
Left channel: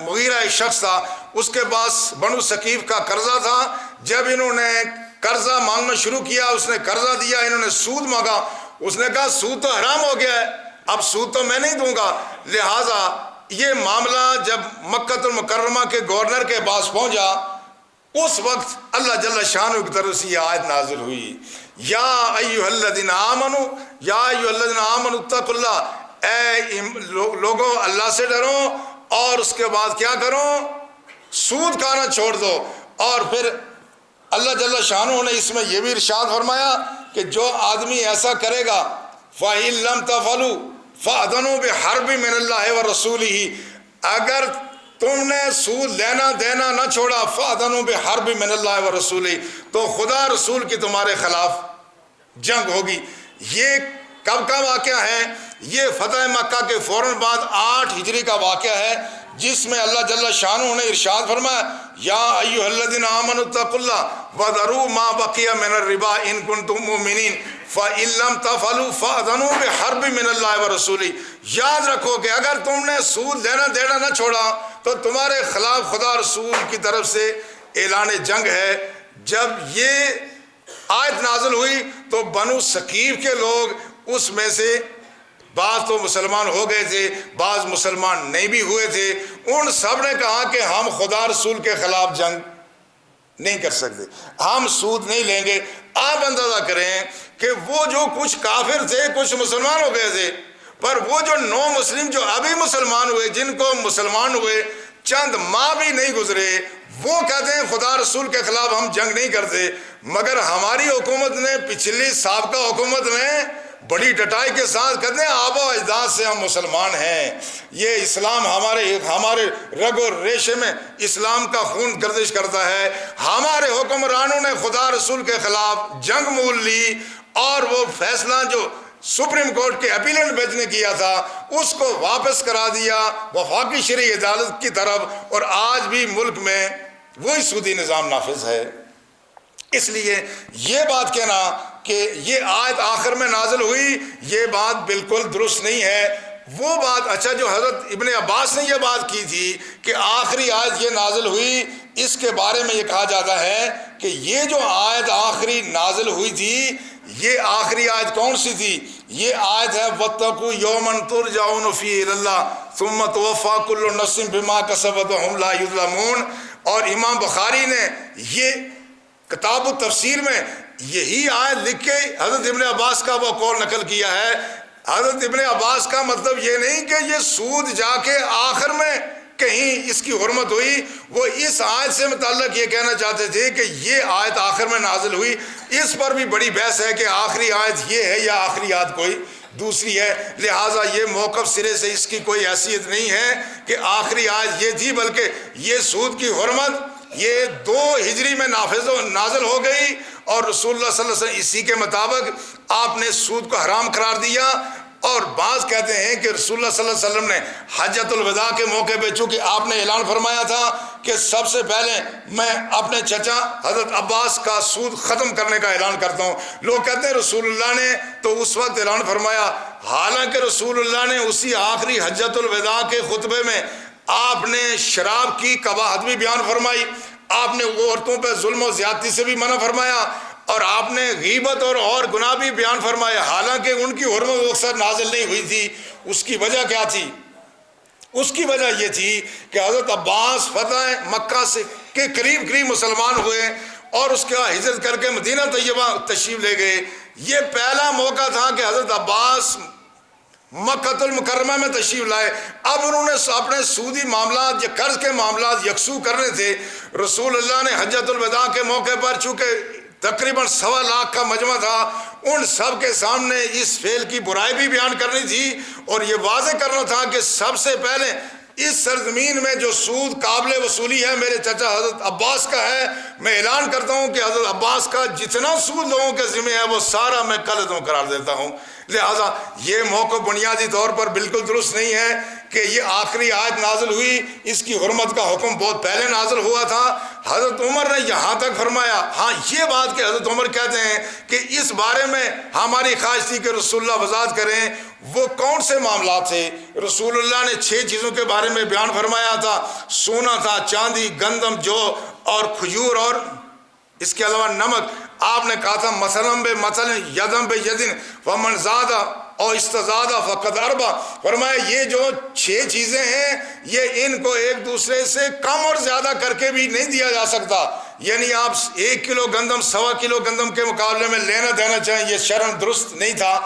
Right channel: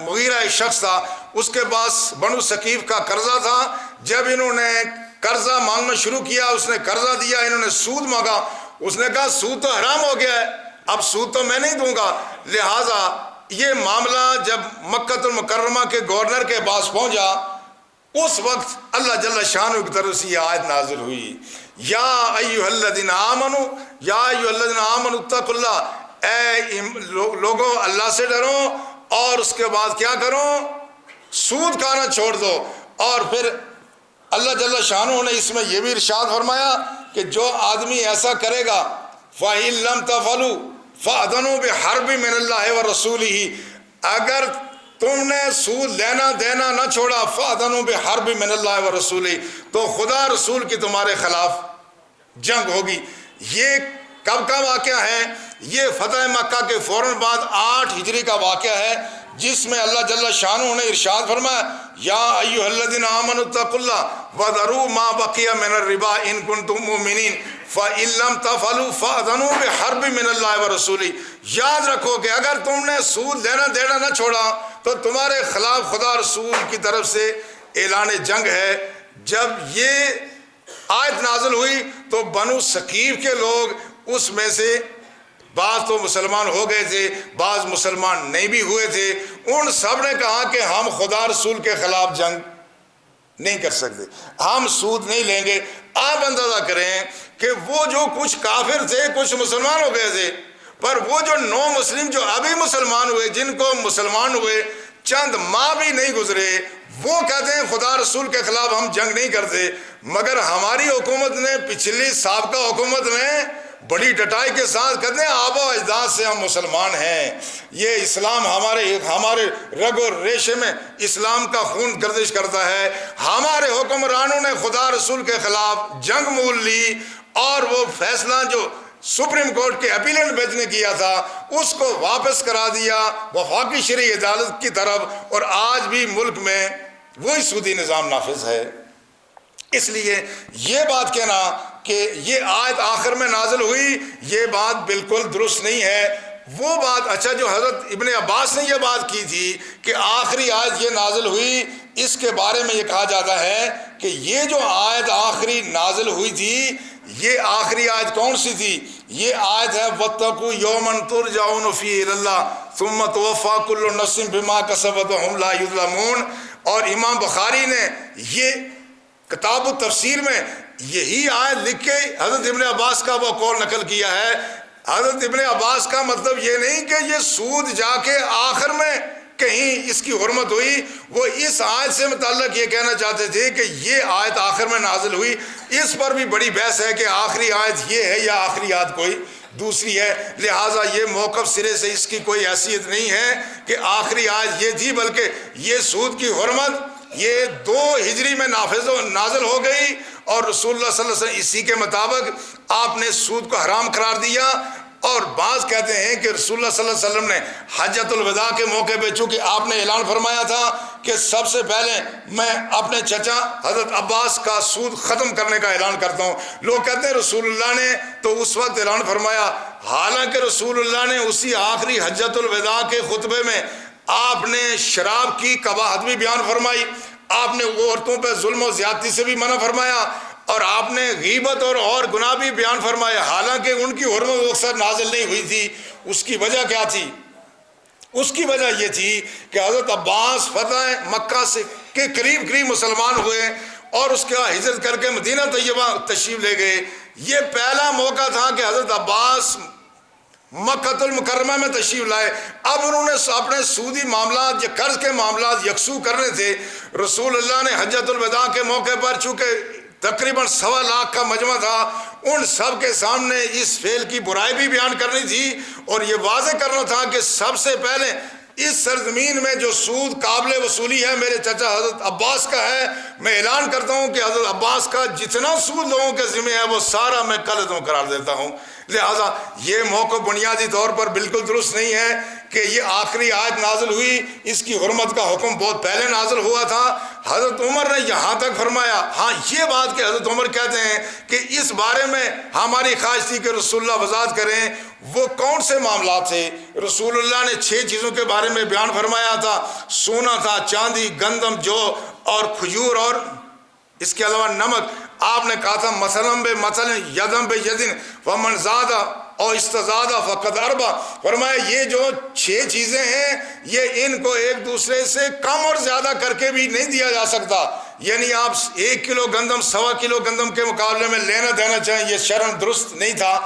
مغیرہ ایک شخص تھا، اس کے پاس بنو ثقیف کا قرضہ تھا۔ جب انہوں نے قرضہ مانگنا شروع کیا، اس نے قرضہ دیا، انہوں نے سود مانگا، اس نے کہا سود تو حرام ہو گیا ہے، اب سود تو میں نہیں دوں گا۔ لہٰذا یہ معاملہ جب مکہ المکرمہ کے گورنر کے پاس پہنچا، اس وقت اللہ جل شانہ کی طرف سے یہ آیت نازل ہوئی یا ایھا الذین آمنوا یا ایھا الذین آمنوا اتقوا اللہ، اے لوگوں اللہ سے ڈرو اور اس کے بعد کیا کرو، سود کھانا چھوڑ دو۔ اور پھر اللہ جل شانہ نے اس میں یہ بھی ارشاد فرمایا کہ جو آدمی ایسا کرے گا فَإِن لَمْ تَفْعَلُوا فَأْذَنُوا بِحَرْبٍ مِّنَ اللَّهِ وَرَسُولِهِ، اگر تم نے سود لینا دینا نہ چھوڑا فَأْذَنُوا بِحَرْبٍ مِّنَ اللَّهِ وَرَسُولِهِ، تو خدا رسول کی تمہارے خلاف جنگ ہوگی۔ یہ کب کا واقعہ ہے؟ یہ فتح مکہ کے فوراً بعد 8 ہجری کا واقعہ ہے، جس میں اللہ جل شانہ نے ارشاد فرمایا یا ایھا الذین آمنوا اتقوا اللہ وذروا ما بقی من الربا ان کنتم مؤمنین فإن لم تفعلوا فأذنوا بحرب من اللہ ورسولہ۔ یاد رکھو کہ اگر تم نے سود لینا دینا نہ چھوڑا تو تمہارے خلاف خدا رسول کی طرف سے اعلان جنگ ہے۔ جب یہ آیت نازل ہوئی تو بنو ثقیف کے لوگ اس میں سے بعض تو مسلمان ہو گئے تھے، بعض مسلمان نہیں بھی ہوئے تھے، ان سب نے کہا کہ ہم خدا رسول کے خلاف جنگ نہیں کر سکتے، ہم سود نہیں لیں گے۔ آپ اندازہ کریں کہ وہ جو کچھ کافر تھے کچھ مسلمان ہو گئے تھے، پر وہ جو 9 مسلم جو ابھی مسلمان ہوئے، جن کو مسلمان ہوئے چند ماہ بھی نہیں گزرے، وہ کہتے ہیں خدا رسول کے خلاف ہم جنگ نہیں کرتے۔ مگر ہماری حکومت نے پچھلی سابقہ حکومت میں بڑی ڈٹائی کے ساتھ کہتے ہیں آبا و اجداد سے ہم مسلمان ہیں، یہ اسلام ہمارے رگ اور ریشے میں اسلام کا خون گردش کرتا ہے۔ ہمارے حکمرانوں نے خدا رسول کے خلاف جنگ مول لی اور وہ فیصلہ جو سپریم کورٹ کے اپیلنٹ بینچ نے کیا تھا اس کو واپس کرا دیا وفاقی شرعی عدالت کی طرف، اور آج بھی ملک میں وہی سودی نظام نافذ ہے۔ اس لیے یہ بات کہنا کہ یہ آیت آخر میں نازل ہوئی، یہ بات بالکل درست نہیں ہے۔ وہ بات اچھا جو حضرت ابن عباس نے یہ بات کی تھی کہ آخری آیت یہ نازل ہوئی، اس کے بارے میں یہ کہا جاتا ہے کہ یہ جو آیت آخری نازل ہوئی تھی، یہ آخری آیت کون سی تھی؟ یہ آیت ہے وَاتَّقُوا يَوْمًا تُرْجَعُونَ فِيهِ إِلَى اللَّهِ ثُمَّ تُوَفَّىٰ كُلُّ نَفْسٍ بِمَا كَسَبَتْ وَهُمْ لَا يُظْلَمُونَ۔ اور امام بخاری نے یہ کتاب التفسیر میں یہی آیت لکھ کے حضرت ابن عباس کا وہ قول نقل کیا ہے۔ حضرت ابن عباس کا مطلب یہ نہیں کہ یہ سود جا کے آخر میں کہیں اس کی حرمت ہوئی، وہ اس آیت سے متعلق یہ کہنا چاہتے تھے کہ یہ آیت آخر میں نازل ہوئی۔ اس پر بھی بڑی بحث ہے کہ آخری آیت یہ ہے یا آخری آیت کوئی دوسری ہے، لہٰذا یہ موقف سرے سے اس کی کوئی حیثیت نہیں ہے کہ آخری آیت یہ تھی، بلکہ یہ سود کی حرمت یہ 2 ہجری میں نازل ہو گئی، اور رسول اللہ صلی اللہ علیہ وسلم اسی کے مطابق آپ نے سود کو حرام قرار دیا۔ اور بعض کہتے ہیں کہ رسول اللہ صلی اللہ علیہ وسلم نے حجۃ الوداع کے موقع پہ چونکہ آپ نے اعلان فرمایا تھا کہ سب سے پہلے میں اپنے چچا حضرت عباس کا سود ختم کرنے کا اعلان کرتا ہوں، لوگ کہتے ہیں رسول اللہ نے تو اس وقت اعلان فرمایا، حالانکہ رسول اللہ نے اسی آخری حجۃ الوداع کے خطبے میں آپ نے شراب کی قباحت بھی بیان فرمائی، آپ نے عورتوں پہ ظلم و زیادتی سے بھی منع فرمایا، اور آپ نے غیبت اور گناہ بھی بیان فرمایا، حالانکہ ان کی حرمت اکثر نازل نہیں ہوئی تھی۔ اس کی وجہ کیا تھی؟ اس کی وجہ یہ تھی کہ حضرت عباس فتح مکہ سے کے قریب مسلمان ہوئے اور اس کے بعد ہجرت کر کے مدینہ طیبہ تشریف لے گئے۔ یہ پہلا موقع تھا کہ حضرت عباس مکہ المکرمہ میں تشریف لائے۔ اب انہوں نے اپنے سودی معاملات یا قرض کے معاملات یکسو کرنے تھے۔ رسول اللہ نے حجۃ الوداع کے موقع پر چونکہ تقریباً 1.25 لاکھ کا مجمع تھا، ان سب کے سامنے اس فعل کی برائی بھی بیان کرنی تھی اور یہ واضح کرنا تھا کہ سب سے پہلے اس سرزمین میں جو سود قابل وصولی ہے میرے چچا حضرت عباس کا ہے۔ میں اعلان کرتا ہوں کہ حضرت عباس کا جتنا سود لوگوں کے ذمہ ہے وہ سارا میں قلعتوں قرار دیتا ہوں۔ لہٰذا یہ موقع بنیادی طور پر بالکل درست نہیں ہے کہ یہ آخری آیت نازل ہوئی، اس کی حرمت کا حکم بہت پہلے نازل ہوا تھا۔ حضرت عمر نے یہاں تک فرمایا، ہاں یہ بات کہ حضرت عمر کہتے ہیں کہ اس بارے میں ہماری خواہش تھی کہ رسول اللہ وضاحت کریں وہ کون سے معاملات تھے۔ رسول اللہ نے 6 چیزوں کے بارے میں بیان فرمایا تھا، سونا تھا، چاندی، گندم، جو اور کھجور، اور اس کے علاوہ نمک۔ آپ نے کہا تھا مثلاً بے مثلاً یدم بے یدن ومن زادہ اور استزادہ فقد اربا۔ فرمایا یہ جو 6 چیزیں ہیں یہ ان کو ایک دوسرے سے کم اور زیادہ کر کے بھی نہیں دیا جا سکتا، یعنی آپ 1 کلو گندم 1.25 کلو گندم کے مقابلے میں لینا دینا چاہیں، یہ شرعاً درست نہیں تھا۔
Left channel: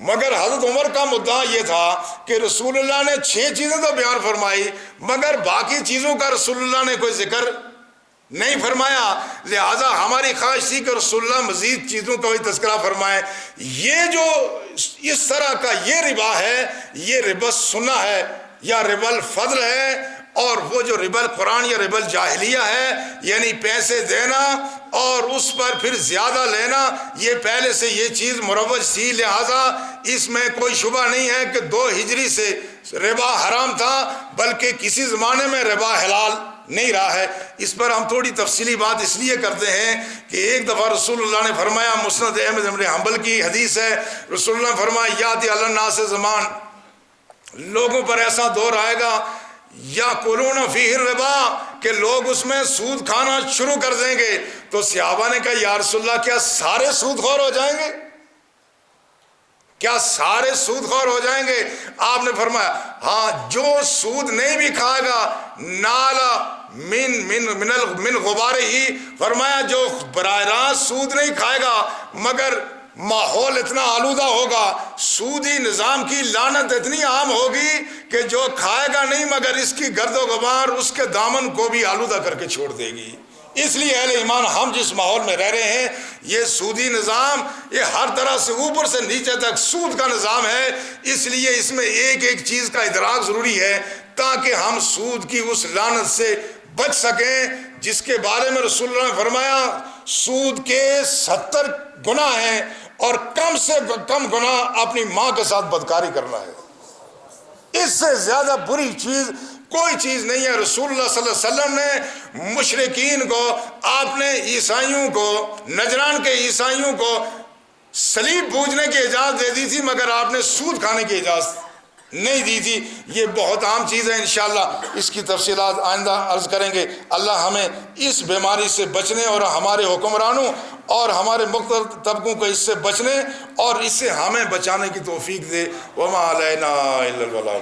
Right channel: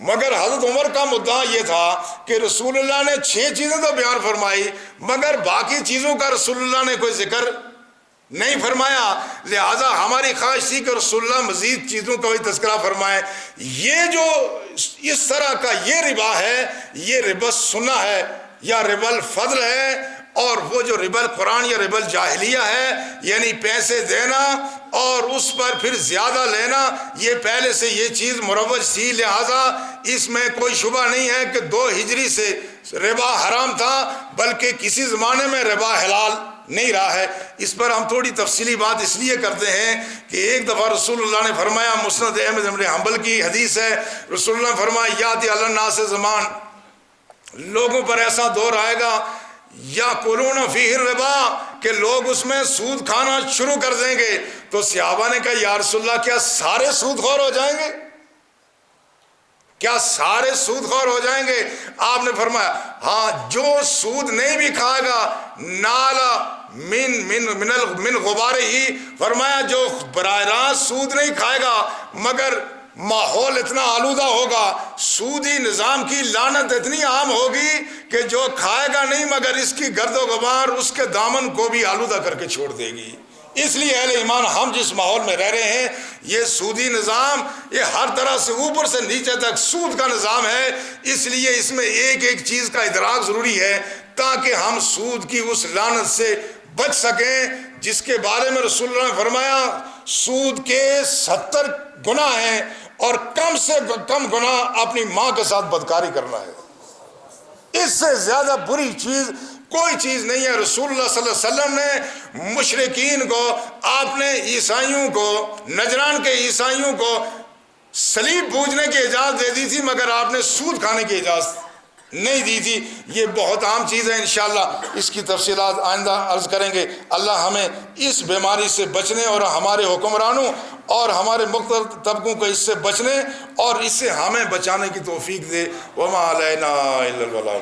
مگر حضرت عمر کا مدعا یہ تھا کہ رسول اللہ نے 6 چیزیں تو بیان فرمائی، مگر باقی چیزوں کا رسول اللہ نے کوئی ذکر نہیں فرمایا، لہذا ہماری خواہش تھی کہ رسول اللہ مزید چیزوں کا بھی تذکرہ فرمائیں۔ یہ جو اس طرح کا یہ ربا ہے، یہ ربا سنہ ہے یا ربا الفضل ہے، اور وہ جو ربا القرآن یا ربا الجاہلیہ ہے، یعنی پیسے دینا اور اس پر پھر زیادہ لینا، یہ پہلے سے یہ چیز مروج تھی، لہذا اس میں کوئی شبہ نہیں ہے کہ 2 ہجری سے ربا حرام تھا، بلکہ کسی زمانے میں ربا حلال نہیں رہا ہے۔ اس پر ہم تھوڑی تفصیلی بات اس لیے کرتے ہیں کہ ایک دفعہ رسول اللہ نے فرمایا، مسند احمد بن حنبل کی حدیث ہے، رسول اللہ نے فرمایا یاتی علی الناس زمان، لوگوں پر ایسا دور آئے گا یاکلون فیہ الربا کہ لوگ اس میں سود کھانا شروع کر دیں گے۔ تو صحابہ نے کہا یا رسول اللہ کیا سارے سود خور ہو جائیں گے؟ کیا سارے سود خور ہو جائیں گے؟ آپ نے فرمایا ہاں، جو سود نہیں بھی کھائے گا نالا من غبار ہی، فرمایا جو براہ راست سود نہیں کھائے گا مگر ماحول اتنا آلودہ ہوگا، سودی نظام کی لعنت اتنی عام ہوگی کہ جو کھائے گا نہیں مگر اس کی گرد و غبار اس کے دامن کو بھی آلودہ کر کے چھوڑ دے گی۔ اس لیے اہل ایمان ہم جس ماحول میں رہ رہے ہیں، یہ سودی نظام، یہ ہر طرح سے اوپر سے نیچے تک سود کا نظام ہے، اس لیے اس میں ایک ایک چیز کا ادراک ضروری ہے تاکہ ہم سود کی اس لعنت سے بچ سکیں جس کے بارے میں رسول اللہ نے فرمایا سود کے 70 گناہ ہیں اور کم سے کم گناہ اپنی ماں کے ساتھ بدکاری کرنا ہے۔ اس سے زیادہ بری چیز کوئی چیز نہیں ہے۔ رسول اللہ صلی اللہ علیہ وسلم نے مشرکین کو، آپ نے عیسائیوں کو، نجران کے عیسائیوں کو صلیب پوجنے کی اجازت دے دی تھی، مگر آپ نے سود کھانے کی اجازت نہیں دی تھی۔ یہ بہت عام چیز ہے، انشاءاللہ اس کی تفصیلات آئندہ عرض کریں گے۔ اللہ ہمیں اس بیماری سے بچنے اور ہمارے حکمرانوں اور ہمارے مختلف طبقوں کو اس سے بچنے اور اس سے ہمیں بچانے کی توفیق دے۔ وما علینا الا البلاغ۔